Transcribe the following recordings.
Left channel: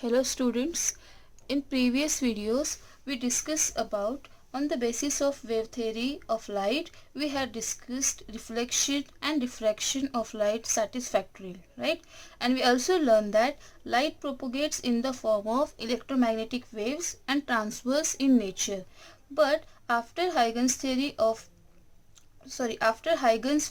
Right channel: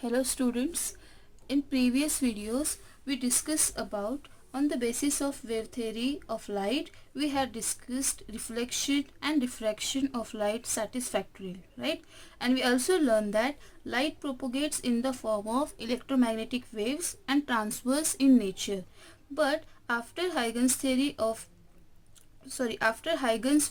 Hello students, in previous videos we discussed about on the basis of wave theory of light we had discussed reflection and diffraction of light satisfactorily, right? And we also learned that light propagates in the form of electromagnetic waves and transverse in nature. But after Huygens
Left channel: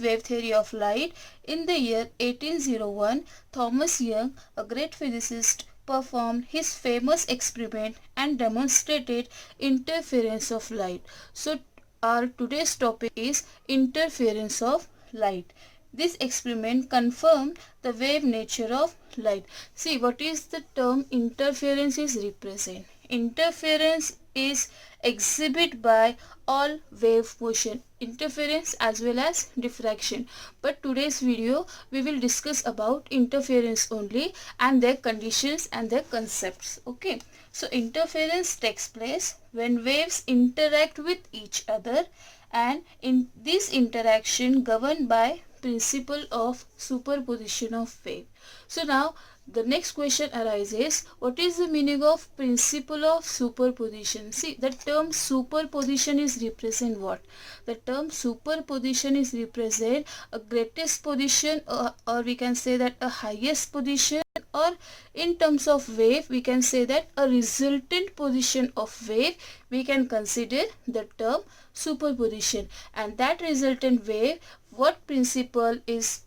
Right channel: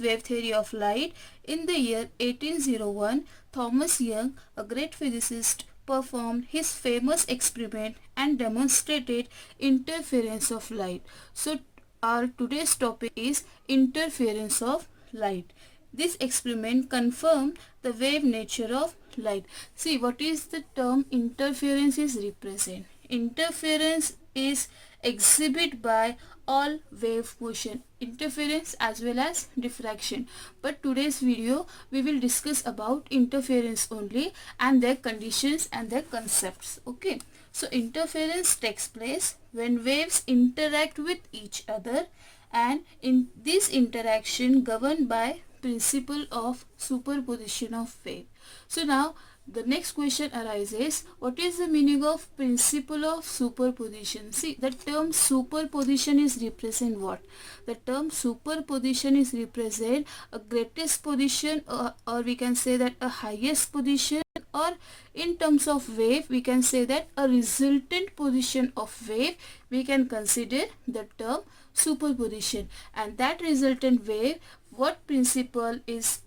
wave theory of light in the year 1801, Thomas Young, a great physicist, performed his famous experiment and demonstrated interference of light. So our today's topic is interference of light. This experiment confirmed the wave nature of light. See, what is the term interference is represent? Interference is exhibit by all wave motion, interference as well as diffraction. But today's video we will discuss about interference only and their conditions and their concepts. Okay, so interference takes place when waves interact with each other, and in this interaction governed by principle of superposition of wave. So now the next question arises, what is the meaning of principle of superposition? See, the term superposition is represent what? The term superposition is represent a greatest position, or we can say that a highest position, or in terms of wave we can say that a resultant position of wave we can consider the term superposition. And that resultant wave, what principle is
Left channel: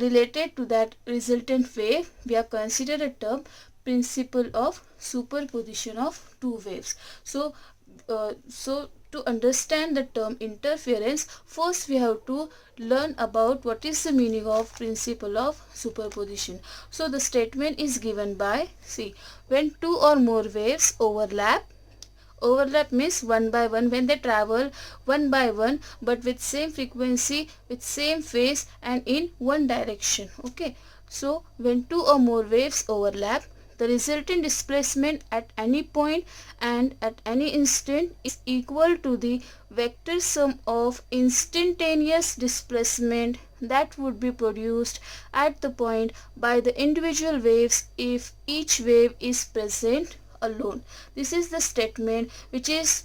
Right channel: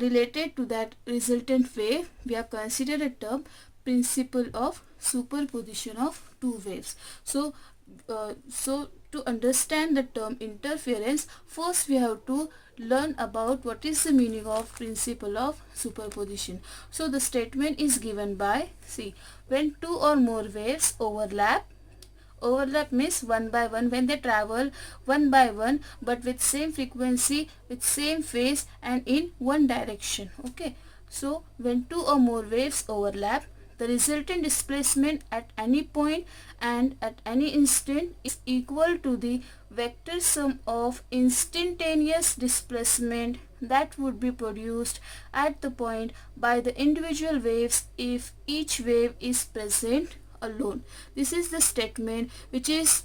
related to that resultant wave, we are considered a term principle of superposition of two waves. So to understand the term interference, first we have to learn about what is the meaning of principle of superposition. So the statement is given by, see, when two or more waves overlap means one by one, when they travel one by one but with same frequency, with same phase and in one direction. Okay, so when two or more waves overlap, the resulting displacement at any point and at any instant is equal to the vector sum of instantaneous displacement that would be produced at the point by the individual waves if each wave is present alone. This is the statement which is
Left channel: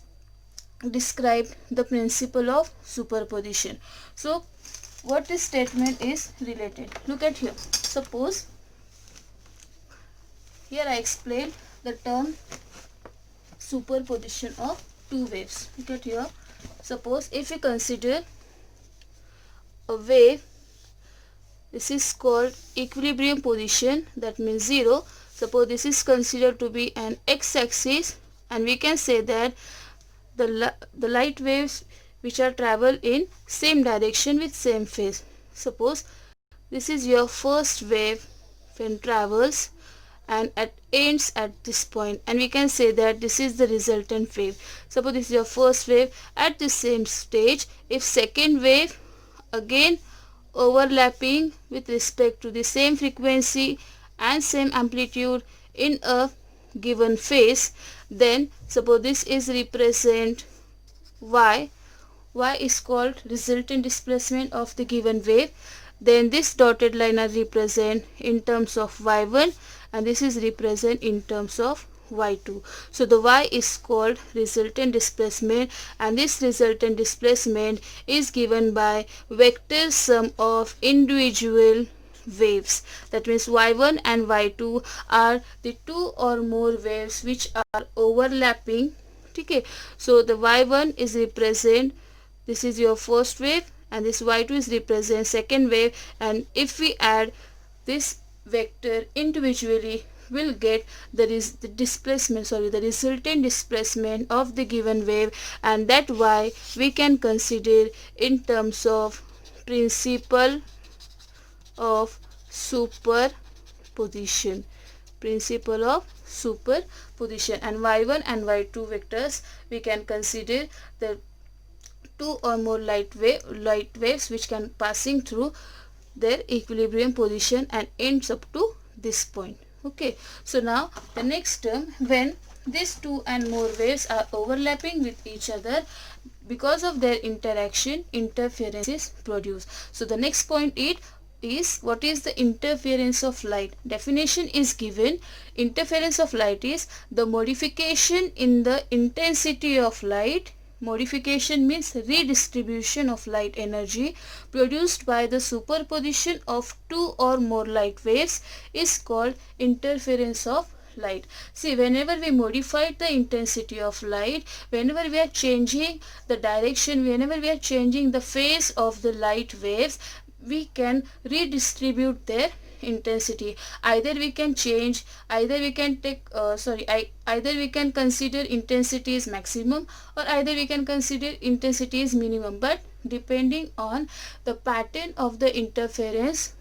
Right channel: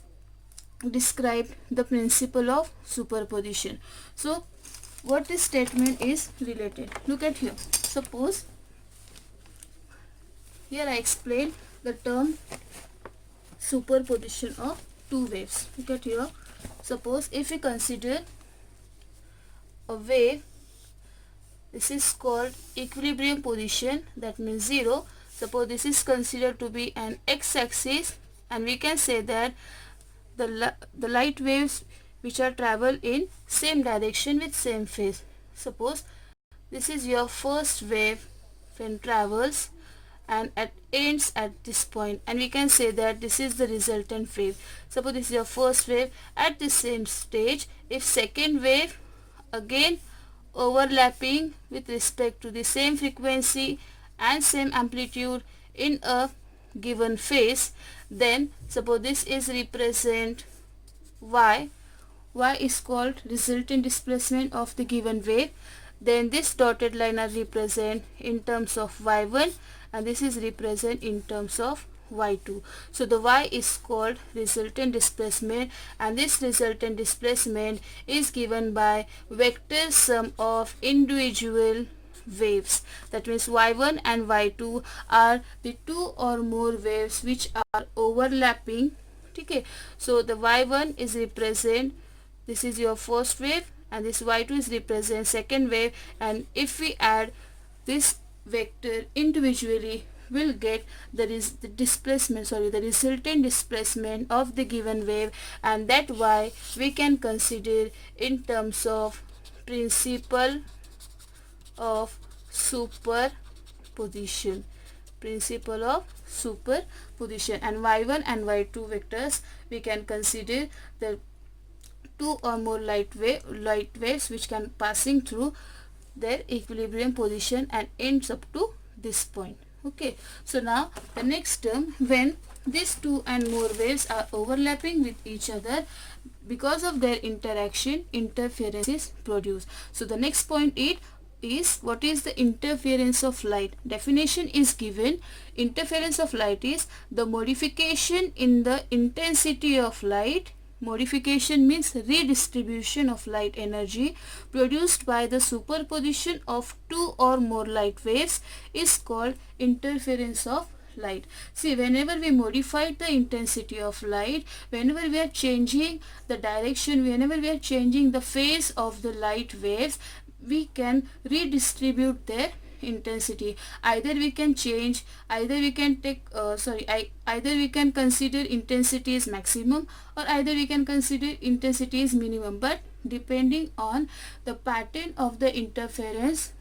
described the principle of superposition. So what this statement is related, look at here. Suppose here I explain the term superposition of two waves. Look at here. Suppose if we consider a wave, this is called equilibrium position, that means 0. Suppose this is considered to be an x-axis, and we can say that the light waves which are travel in same direction with same phase. Suppose this is your first wave when travels and ends at this point, and we can say that this is the resultant wave. Suppose this is your first wave at the same stage. If second wave again overlapping with respect to the same frequency and same amplitude in a given phase, then suppose this is represent y is called resultant displacement of the given wave, then this dotted line are represent in terms of y1 and this is represent in terms of y2. So the y is called resultant displacement, and this resultant displacement is given by vector sum of individual waves. That means y1 and y2 are the two or more waves which are overlapping. Okay, so the y1 is represent, this is your first wave, and this y2 is represent second wave, and if we add this vector individually, will get the displacement, the resultant displacement of the given wave, and that y we can consider in terms of principle of superposition. Principle of superposition. And y1 and y2 vectors we can consider the two or more light waves which can passing through their equilibrium position and ends up to this point. Okay, so now the next term, when these two and more waves are overlapping with each other, because of their interaction interference is produced. So the next point is, what is the interference of light? Definition is given. Interference of light is the modification in the intensity of light. Modification means redistribution of light energy produced by the superposition of two or more light waves is called interference of light. See, whenever we modify the intensity of light, whenever we are changing the direction, whenever we are changing the phase of the light waves, we can redistribute their intensity. Either we can change, either we can take either we can consider intensity is maximum, or either we can consider intensity is minimum, but depending on the pattern of the interference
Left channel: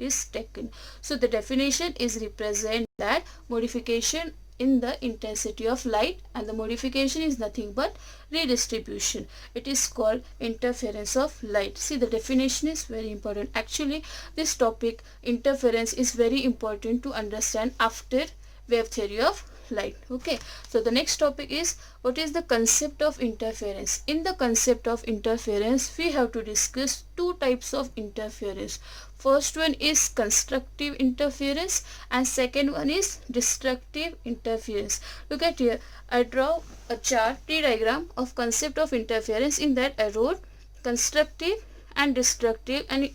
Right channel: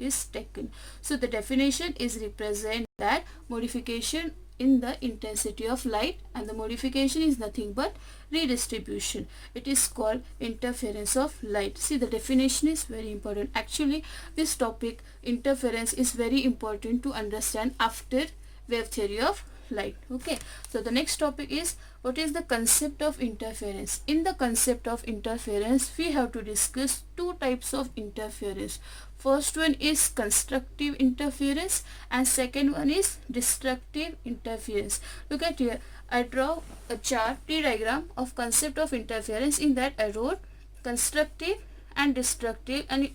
is taken. So the definition is represent that modification in the intensity of light, and the modification is nothing but redistribution. It is called interference of light. See, the definition is very important. Actually, this topic interference is very important to understand after wave theory of light. Okay, so the next topic is, what is the concept of interference? In the concept of interference, we have to discuss two types of interference. First one is constructive interference and second one is destructive interference. Look at here. I draw a chart, tree diagram of concept of interference. In that I wrote constructive and destructive, and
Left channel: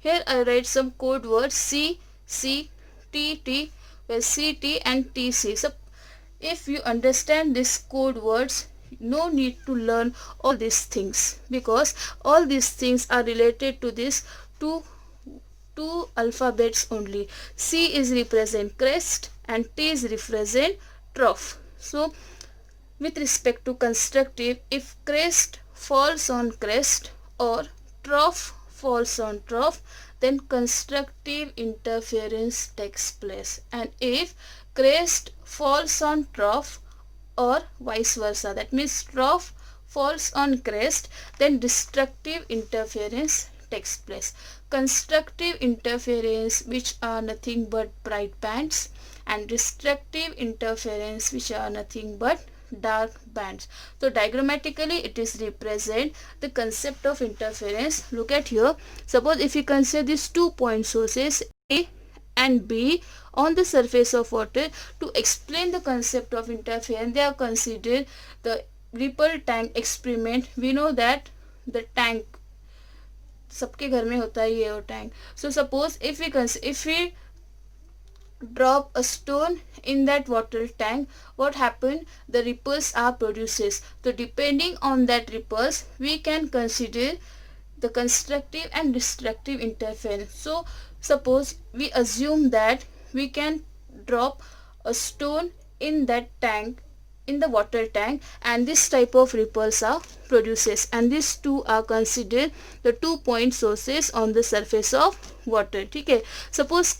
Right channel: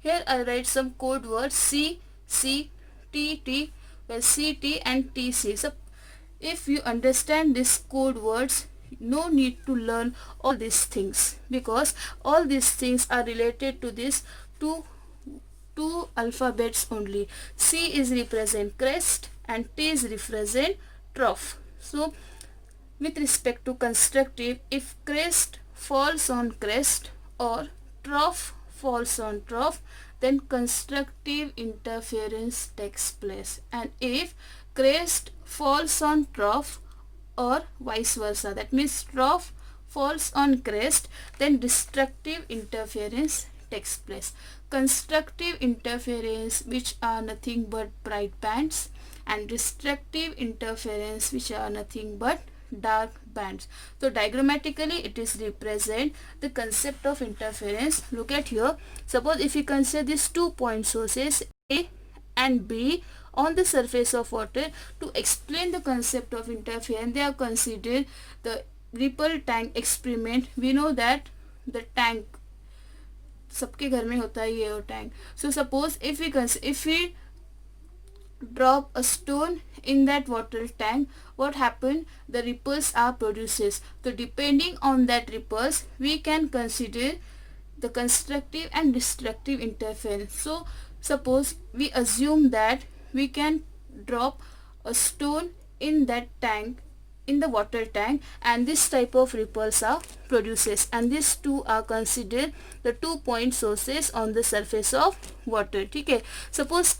here I write some code words C, C, T, T, well, C, T and T, C. So if you understand these code words, no need to learn all these things, because all these things are related to this two alphabets only. C is represent crest and T is represent trough. So with respect to constructive, if crest falls on crest or trough falls on trough, then constructive interference takes place. And if crest falls on trough or vice versa, that means trough falls on crest, then destructive interference takes place. Constructive interference, which are nothing but bright bands, and destructive interference, which are nothing but dark bands. So diagrammatically it is represent the concept of interference. Look at here. Suppose if you consider these 2 point sources A and B on the surface of water, to explain the concept of interference, they are considered the ripple tank experiment. We know that the tank, सबके घर में होता है ये tank. So suppose if we drop a stone in that water tank, what happened? The ripples are produced. So depending on that ripples, we can consider the constructive and destructive interference. So suppose we assume that we can drop a stone in that tank, in the water tank, and this type of ripples are produces, and these two are considered the 2 point sources on the surface of water. Okay, suppose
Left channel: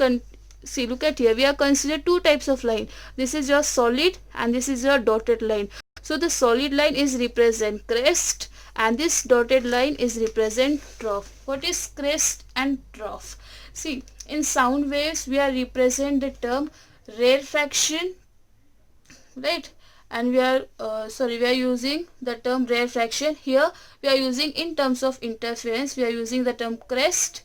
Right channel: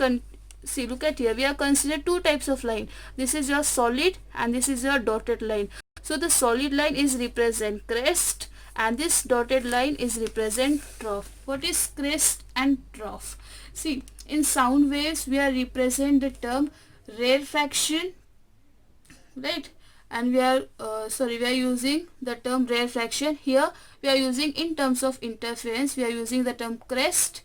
see, look at here, we are considered two types of line. This is your solid and this is your dotted line. So the solid line is represent crest and this dotted line is represent trough. What is crest and trough? See, in sound waves we are represent the term rarefaction, right? And we are using the term rarefaction. Here we are using, in terms of interference, we are using the term crest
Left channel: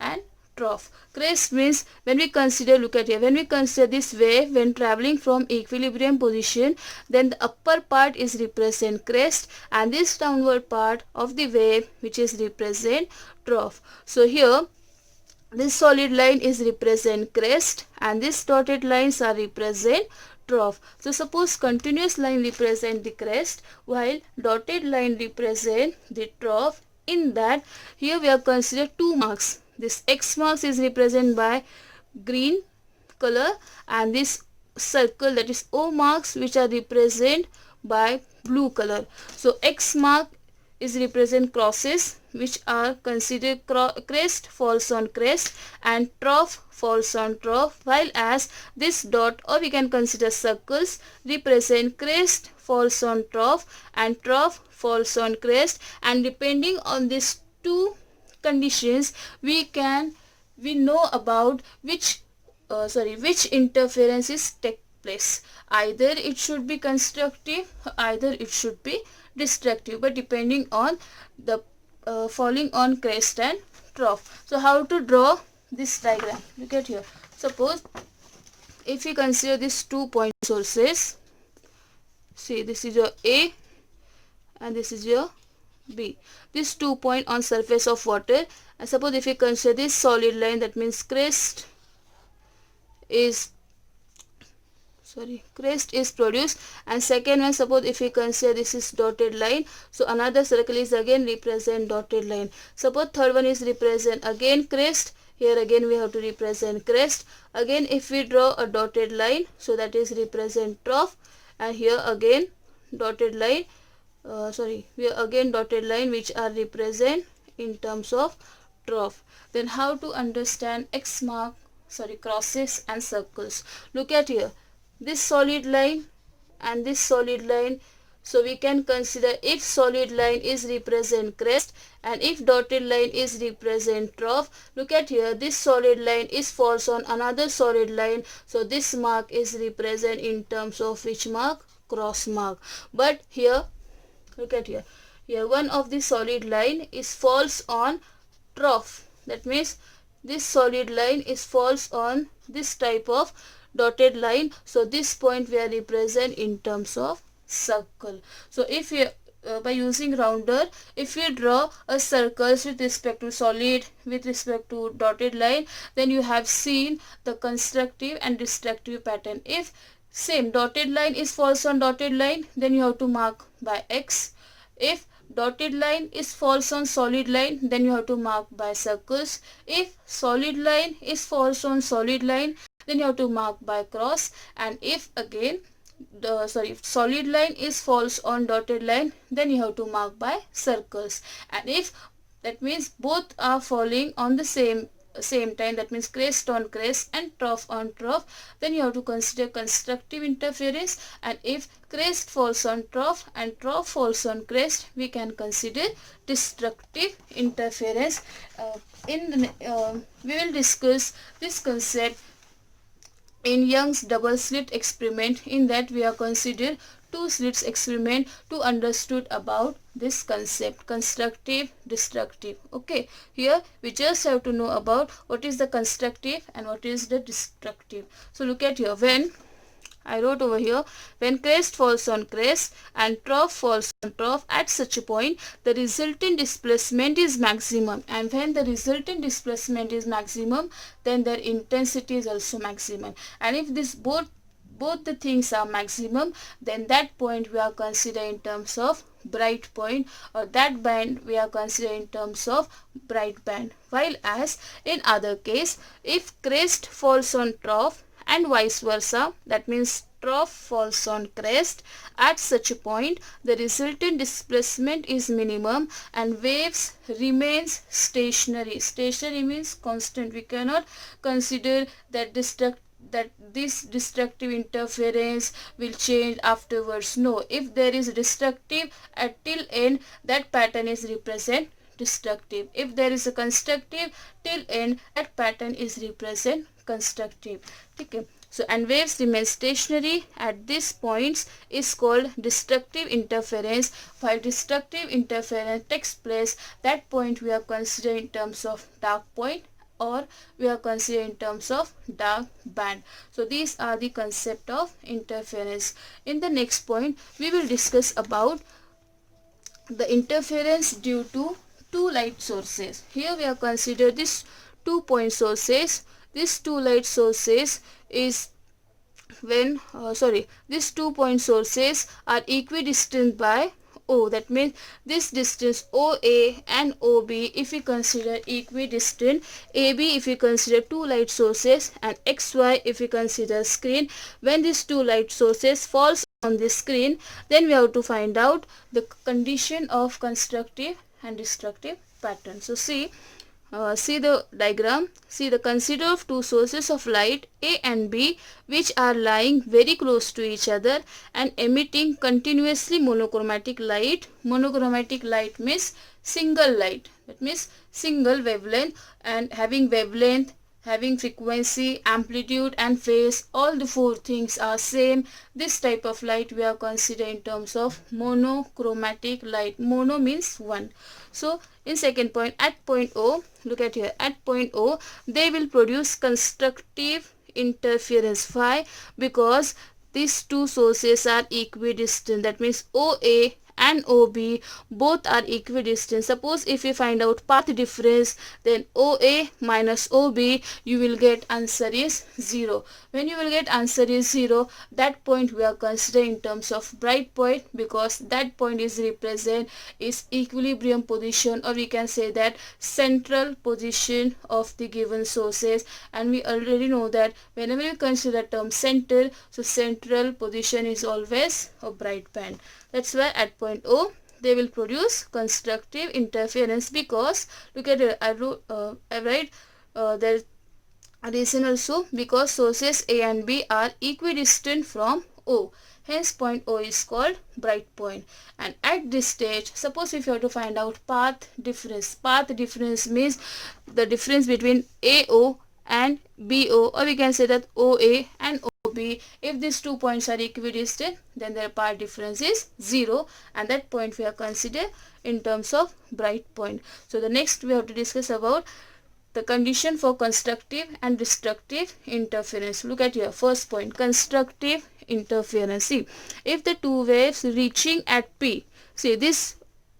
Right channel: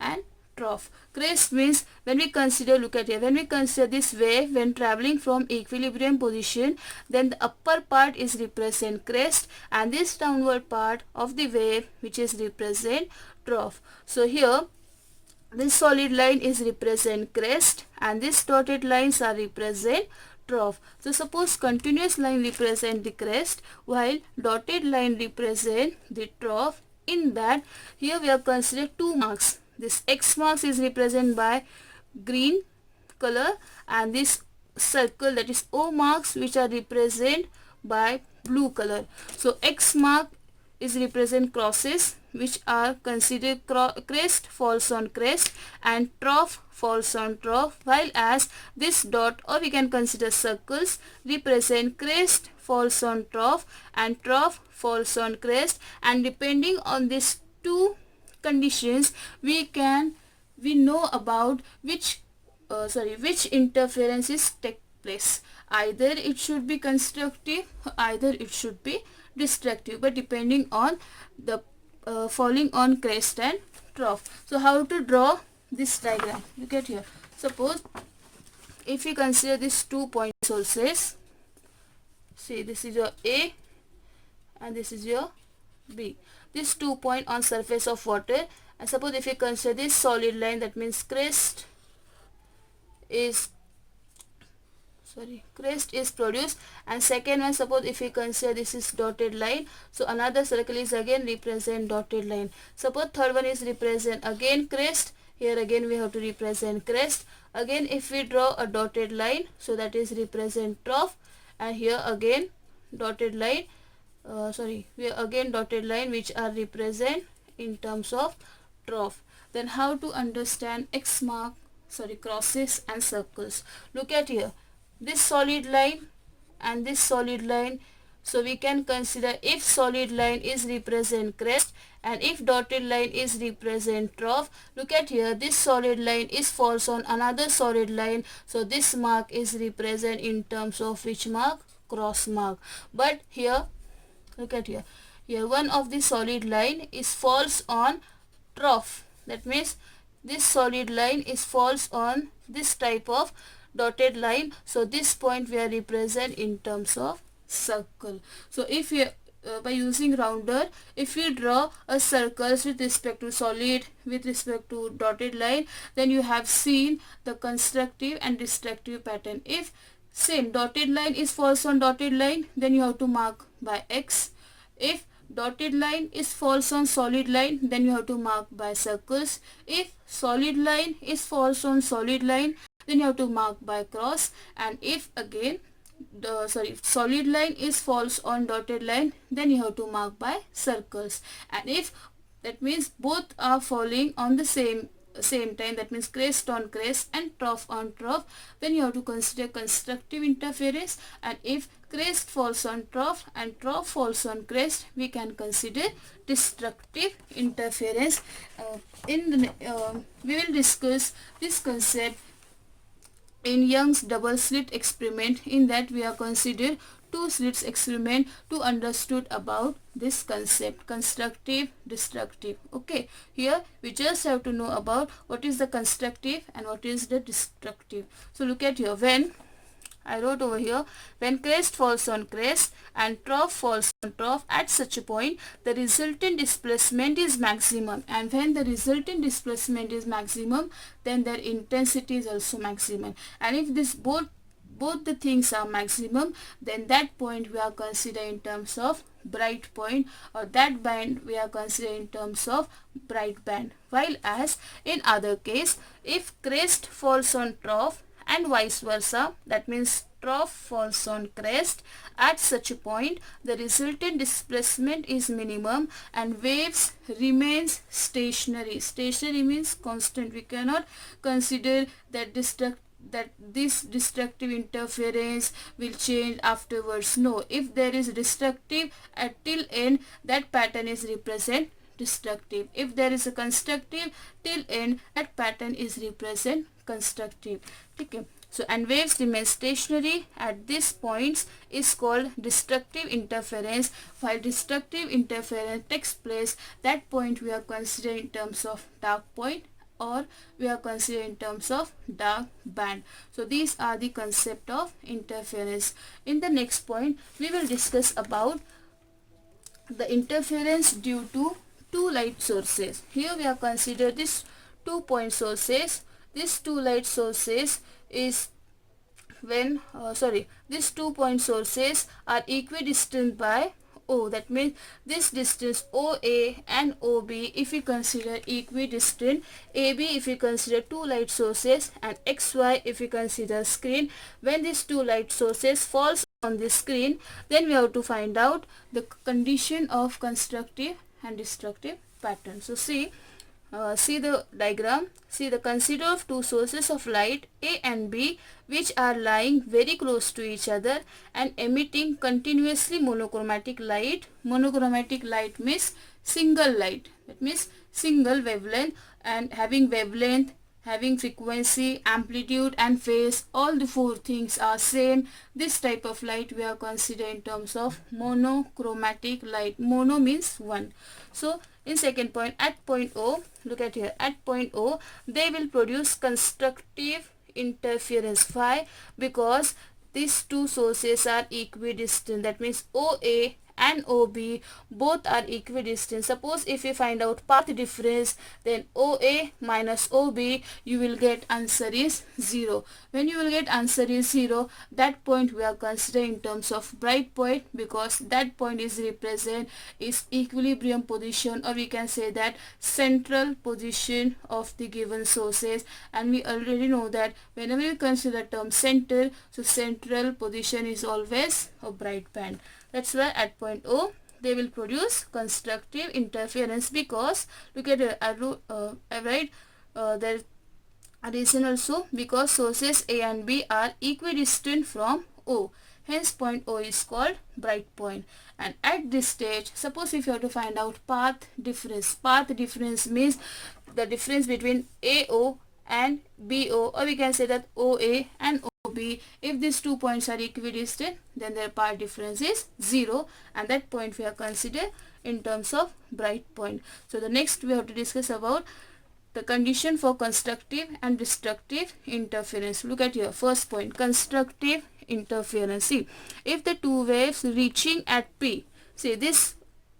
and trough. Crest means when we consider, look at here, when we consider this wave when traveling from equilibrium position, then the upper part is represent crest and this downward part of the wave which is represent trough. So here this solid line is represent crest and this dotted lines are represent trough. So suppose continuous line represent the crest while dotted line represent the trough. In that, here we have considered 2 marks. This X marks is represented by green color and this circle, that is O marks, which are represented by blue color. So X mark is represent crosses which are considered crest falls on crest and trough falls on trough, while as this dot, or we can consider circles, represent crest falls on trough and trough falls on crest, and depending on these two conditions we know about which interferences take place. Either it should be constructive, either it should be destructive, but depending on the falling on crest and trough. So how to draw this diagram. Look at here. Suppose if we consider these 2-point sources, see this is your A and this is your B. This 2-point on surface of water, and suppose if we consider this solid line, that means crest is produced, and second one, suppose if we consider this is dotted line, so another circle is again represent dotted line. Suppose third one is represent again crest, here again we have to represent crest. Again if we draw a dotted line, so that is represent trough, and here again dotted line, here again dotted line which are represent in terms of trough. Then how to understand X mark, crosses and circles? Look at here, this solid line and this solid line, so we can consider if solid line is represent crest and if dotted line is represent trough. Look at here, this solid line is falls on another solid line, so this mark is represent in terms of which mark? Cross mark. But here, look at here, one of the solid line is falls on trough, that means this solid line is falls on this type of dotted line, so this point we are represent in terms of circle. So if we by using rounder, if we draw a circle with respect to solid, with respect to dotted line, then you have seen the constructive and destructive pattern. If same dotted line is falls on dotted line, then you have to mark by X. If dotted line is falls on solid line, then you have to mark by circles. If solid line is falls on solid line, then you have to mark by cross. And if again solid line is falls on dotted line, then you have to mark by circles. And if that means both are falling on the same time, that means crest on crest and trough on trough, then you have to consider constructive interference. And if crest falls on trough and trough falls on crest, we can consider destructive interference. We will discuss this concept in Young's double slit experiment. In that we have considered two slits experiment to understood about this concept, constructive, destructive. Okay, here we just have to know about what is the constructive and what is the destructive. So look at here, when I wrote over here, when crest falls on crest and trough falls on trough, at such a point the resultant displacement is maximum, and when the resultant displacement is maximum, then their intensity is also maximum. And if this both the things are maximum, then that point we are considering in terms of bright point, or that band we are considering in terms of bright band. While as in other case, if crest falls on trough and vice versa, that means trough falls on crest, at such a point the resultant displacement is minimum and waves remains stationary. Stationary means constant. We cannot consider that this destructive interference will change afterwards. No, if there is destructive at till end, that pattern is represent destructive. If there is a constructive till end, that pattern is represent constructive. Okay, so and waves remain stationary at these points is called destructive interference. While destructive interference takes place, that point we are considering in terms of dark point, or we are considering in terms of dark band. So these are the concept of interference. In the next point we will discuss about the interference due to two light sources. Here we have considered this 2-point sources. These two light sources is when these 2-point sources are equidistant by O. That means this distance OA and OB, if we consider equidistant, AB if we consider two light sources, and XY if we consider screen. When these two light sources falls on the screen, then we have to find out the condition of constructive and destructive pattern. So see the diagram. See, the consider of two sources of light A and B which are lying very close to each other and emitting continuously monochromatic light. Monochromatic light means single light, that means single wavelength, and having wavelength having frequency, amplitude and phase, all the four things are same. This type of light we are considering in terms of monochromatic light. Mono means one. So in second point, at point O, look at here, at point O they will produce constructive interference phi, because these two sources are equidistant. That means OA and OB both are equidistant. Suppose if you find out path difference, then OA minus OB, you will get answer is 0. When you will get answer is 0, that point we are considering in terms of bright point, because that point is represent is equilibrium position, or we can say that central position of the given sources. And we already know that whenever you consider the term central, so central position is always a bright band. That's why at point O they will produce constructive interference, because look at it, I write there reason also, because sources A and B are equidistant from O. Hence point O is called bright point. And at this stage, suppose if you have to find out path difference. Path difference means the difference between AO and BO, or we can say that OA and OB. If these 2 points are equidistant, then their path difference is 0, and that point we are considered in terms of bright point. So the next we have to discuss about the condition for constructive and destructive interference. Look at here, first point, constructive interference. See, if the two waves reaching at P, see this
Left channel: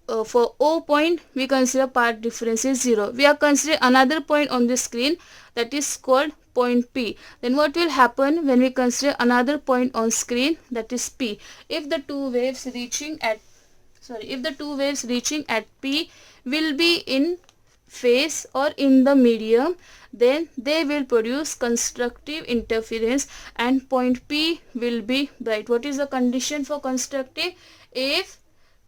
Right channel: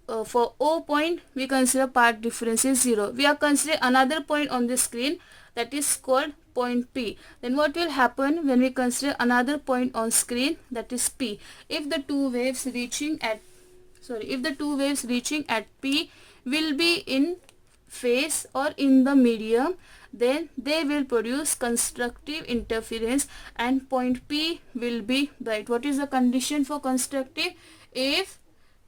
for O point we consider path difference is 0. We are considering another point on the screen, that is called point P. Then what will happen when we consider another point on screen, that is P? If the two waves reaching at P will be in phase or in the medium, then they will produce constructive interference and point P will be bright. What is the condition for constructive? If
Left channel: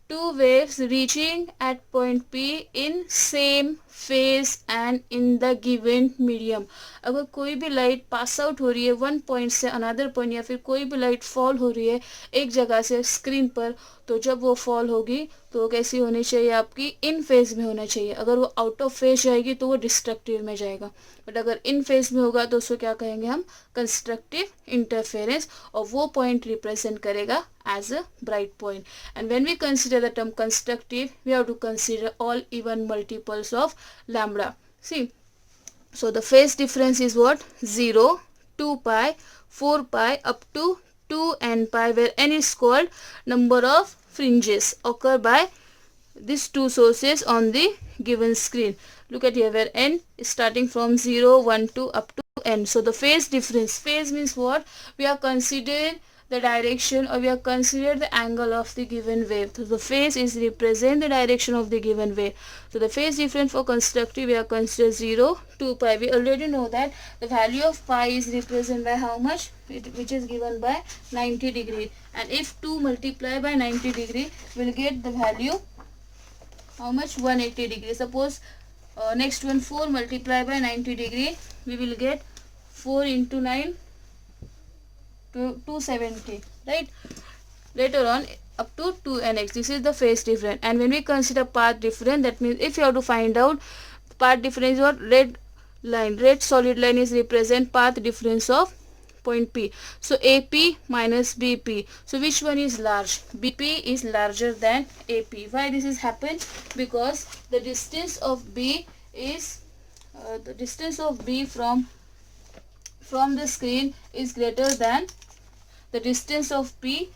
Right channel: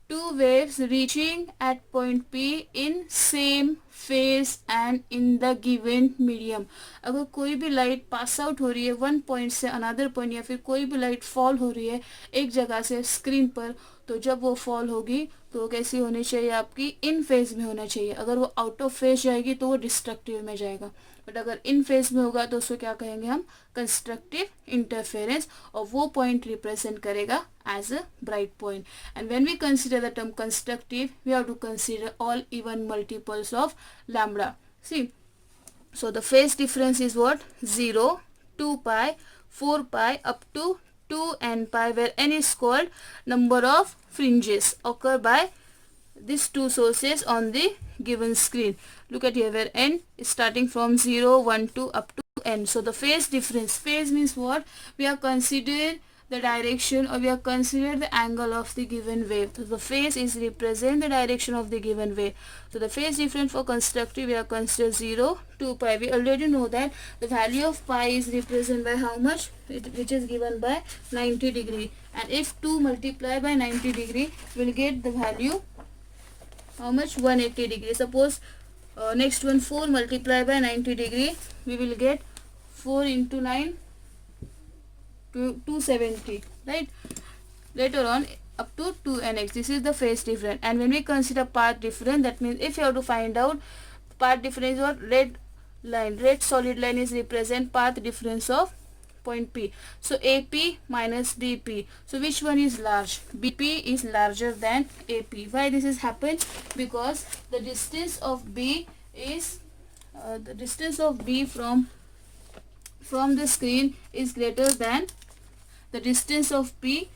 two waves reaching at point P in same phase and in the given medium. अगर कोई भी light pass out हो रही है one point से another point, या फिर कोई भी लाइट फॉल हो रही है एक जगह से स्क्रीन पर, तो जब वो फॉल होगी तो वो कैसी होनी चाहिए, आपकी इन फेज में होना चाहिए. अगर वो आउट ऑफ फेज जाएगी तो वो डिस्ट्रक्टिव में जाएगा, बट अगर इन फेज में होगा तो उसको क्या कहेंगे हम, कंस्ट्रक्टिव इंटरफेरेंस, और वो पॉइंट रिप्रेजेंट करेगा as a bright point. And when we consider the term constructive, we have to consider all even multiples of lambda. See, so the phase difference is what, 0, 2 pi, 4 pi up to 2n pi, where n is called number of fringes occur by these two sources on the given screen. Look at here, where n is starting from 0, 1, 2 up to n. So the phase difference, phase means what, we are considering the direction, or we are considered the angle of the given wave. So the phase is represent the direction of the given wave. So the phase difference for constructive we are considered 0, 2 pi. We already know that the value of pi is represented by how much, which is given by 90 degree. And if 2 multiply by 90 degree, we will get the value how much, 180 degree. Suppose next one, 4 multiply by 90 degree, we will get 4 into 9 to 270, right? Later on up to 2nx. This is the phase difference. And when we consider path difference, that means if you have to find out path difference, or red line, red solid line is represent path difference of point P. So AP minus BP. So which one is large? BP is larger than AP. Why this is happened? Because the distance of B is the distance of B from the screen is greater than the distance of P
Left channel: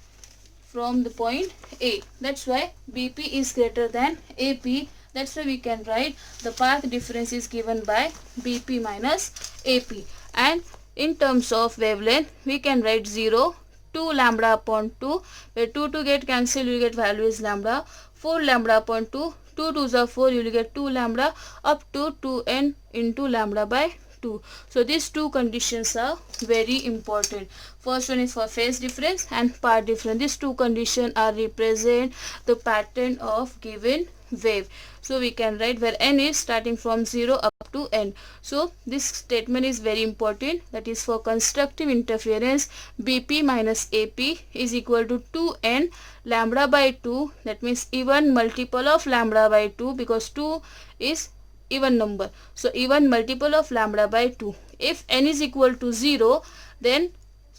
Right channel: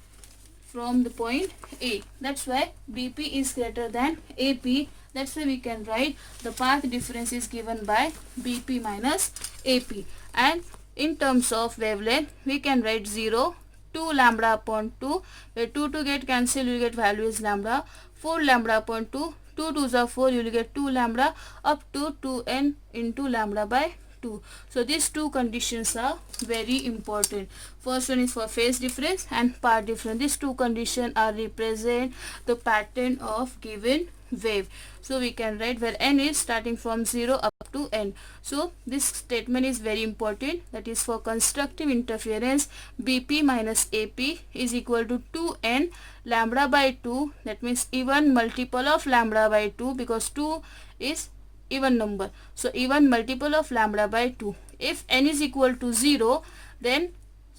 from the point A. That's why BP is greater than AP. That's why we can write the path difference is given by BP minus AP. And in terms of wavelength, we can write 0, 2 lambda upon 2, where 2 to get cancelled, you will get value is lambda, 4 lambda upon 2, 2 2s are 4, you will get 2 lambda up to 2n into lambda by 2. So these two conditions are very important. First one is for phase difference and path difference. These two conditions are represent the pattern of given wave. So we can write where n is starting from 0 up to n. So this statement is very important. That is, for constructive interference, BP minus AP is equal to 2n lambda by 2. That means even multiple of lambda by 2, because 2 is even number. So even multiple of lambda by 2. If n is equal to 0, then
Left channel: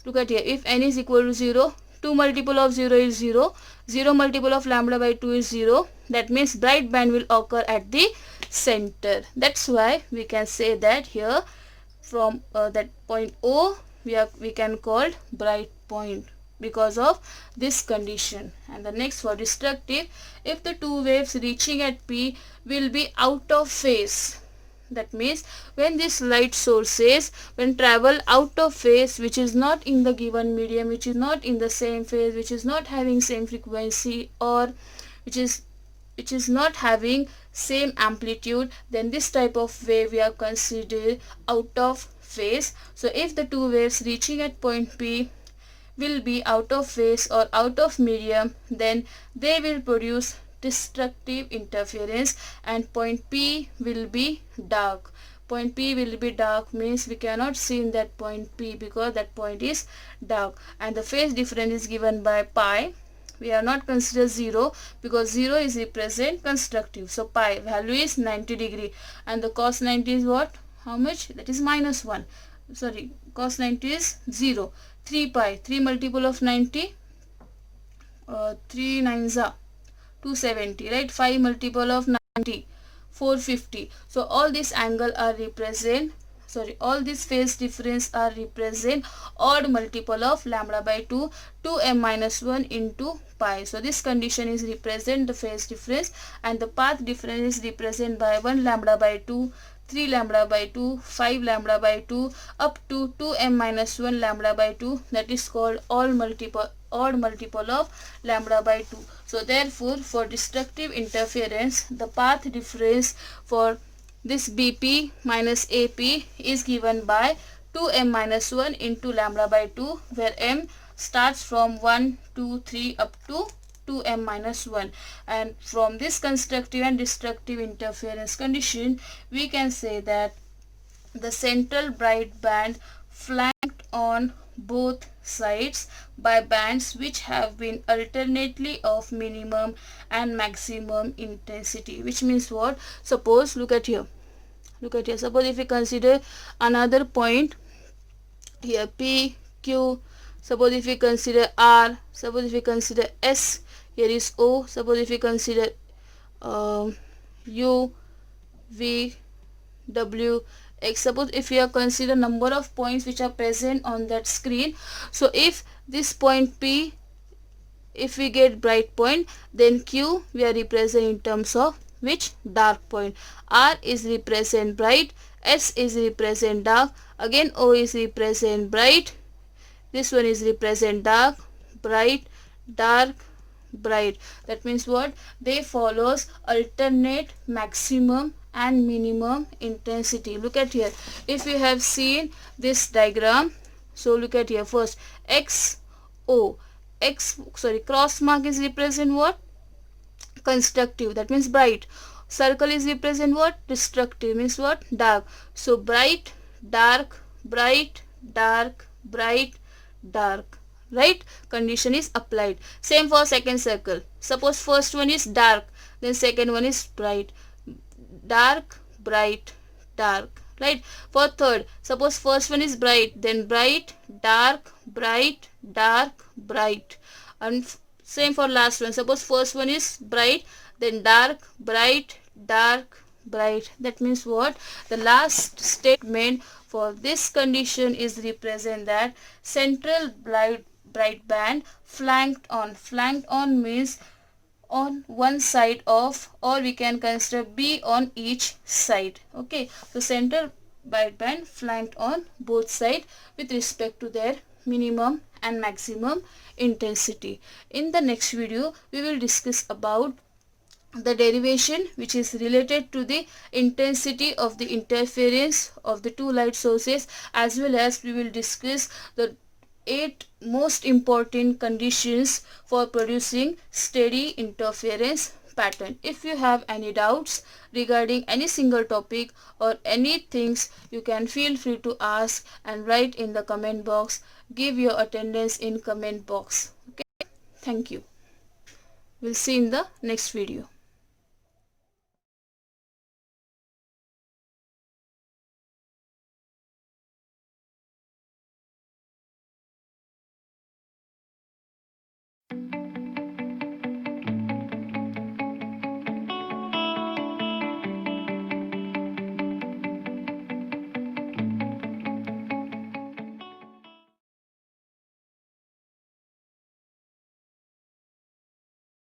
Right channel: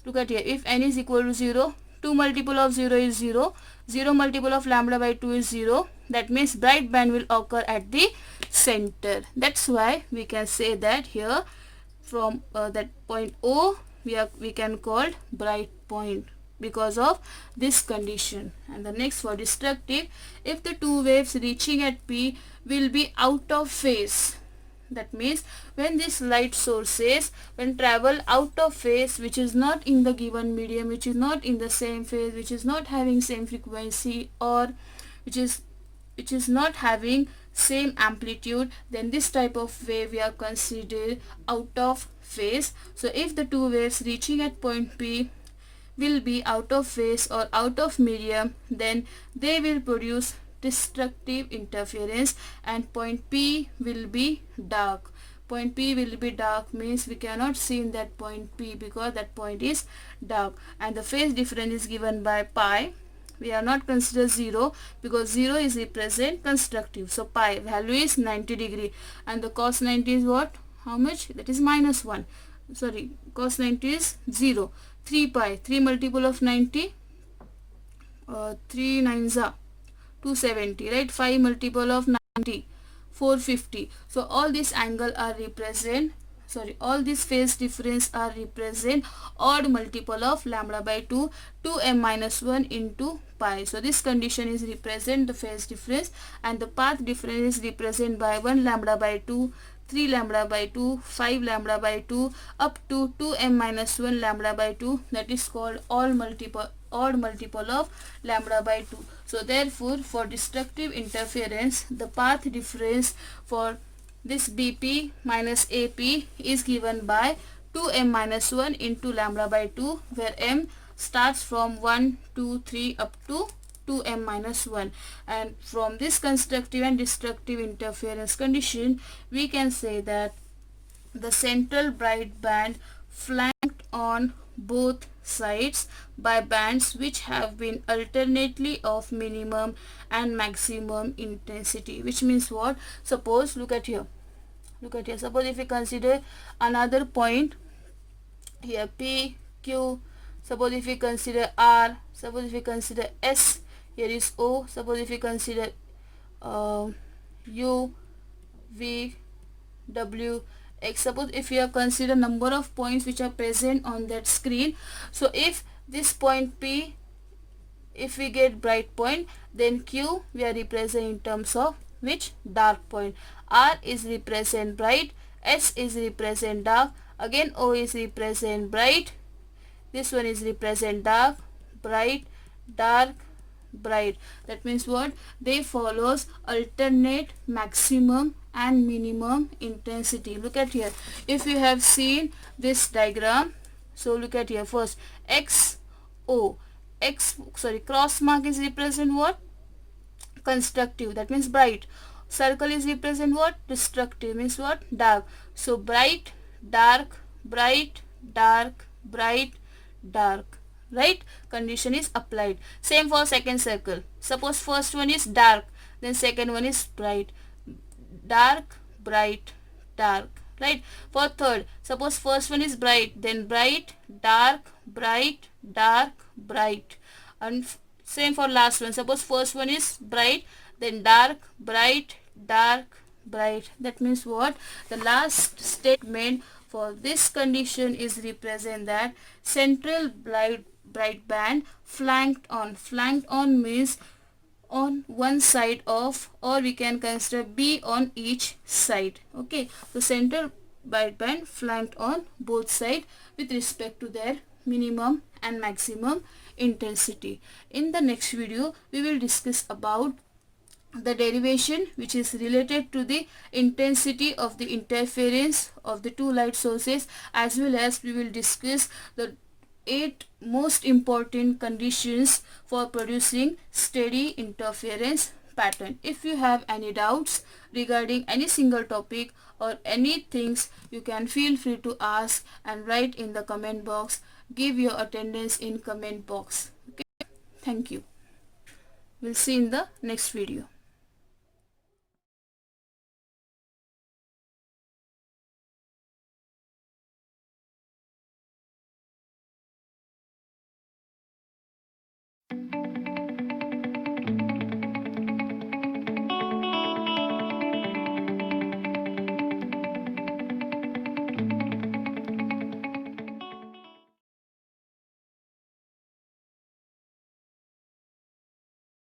look at here, if n is equal to 0, 2 multiple of 0 is 0, 0 multiple of lambda by 2 is 0. That means bright band will occur at the center. That's why we can say that here from that point O we can call bright point because of this condition. And the next for destructive, if the two waves reaching at P will be out of phase. That means when these light sources when travel out of phase, which is not in the given medium, which is not in the same phase, which is not having same frequency, or which is not having same amplitude, then this type of wave we are considered out of phase. So if the two waves reaching at point P will be out of phase or out of medium, then they will produce destructive interference, and point P will be dark. Point P will be dark means we cannot see in that point P because that point is dark, and the phase difference is given by pi. We are not consider 0 because 0 is represent constructive. So pi value is 90 degree, and the cos 90 is what? How much? That is minus 1. Sorry, cos 90 is 0. 3 pi, 3 multiple of 90, 3 nines are 270, right? 5 multiple of 90, 450. So all this angle are represent, sorry, all this phase difference are represent odd multiple of lambda by 2, 2m minus 1 into pi. So this condition is represent the phase difference, and the path difference is represent by 1 lambda by 2, 3 lambda by 2, 5 lambda by 2 up to 2m minus 1 lambda by 2. That is called odd multiple of lambda by 2. So therefore for destructive interference, the path difference for this BP minus AP is given by 2m minus 1 into lambda by 2, where m starts from 1, 2, 3 up to 2m minus 1. And from this constructive and destructive interference condition, we can say that the central bright band flanked on both sides by bands which have been alternately of minimum and maximum intensity. Which means what? Suppose look at here, suppose if we consider another point here, P, Q, suppose if we consider R, suppose if we consider S, here is O, suppose if we consider U, V, W, X. Suppose if we consider number of points which are present on that screen. So if this point P, if we get bright point, then Q we are represent in terms of which? Dark point. R is represent bright, S is represent dark, again O is represent bright, this one is represent dark, bright, dark, bright. That means what? They follows alternate maximum and minimum intensity. Look at here, if we have seen this diagram, so look at here, first X, O, X, sorry, cross mark is represent what? Constructive, that means bright. Circle is represent what? Destructive, means what? Dark. So bright, dark, bright, dark, bright, dark, right? Condition is applied. Same for second circle. Suppose first one is dark, then second one is bright. Dark, bright, dark, right? For third, suppose first one is bright, then bright, dark, bright, dark, bright. And same for last one. Suppose first one is bright, then dark, bright, dark, bright. That means what? The last statement for this condition is represent that central bright band flanked on. Flanked on means on one side of, or we can consider B on each side. Okay, so central bright band flanked on both sides with respect to their minimum and maximum intensity. In the next video, we will discuss about the derivation which is related to the intensity of the interference of the two light sources, as well as we will discuss the 8 most important conditions for producing steady interference pattern. If you have any doubts regarding any single topic or any things, you can feel free to ask and write in the comment box. Give your attendance in comment box. Okay, thank you. We'll see in the next video.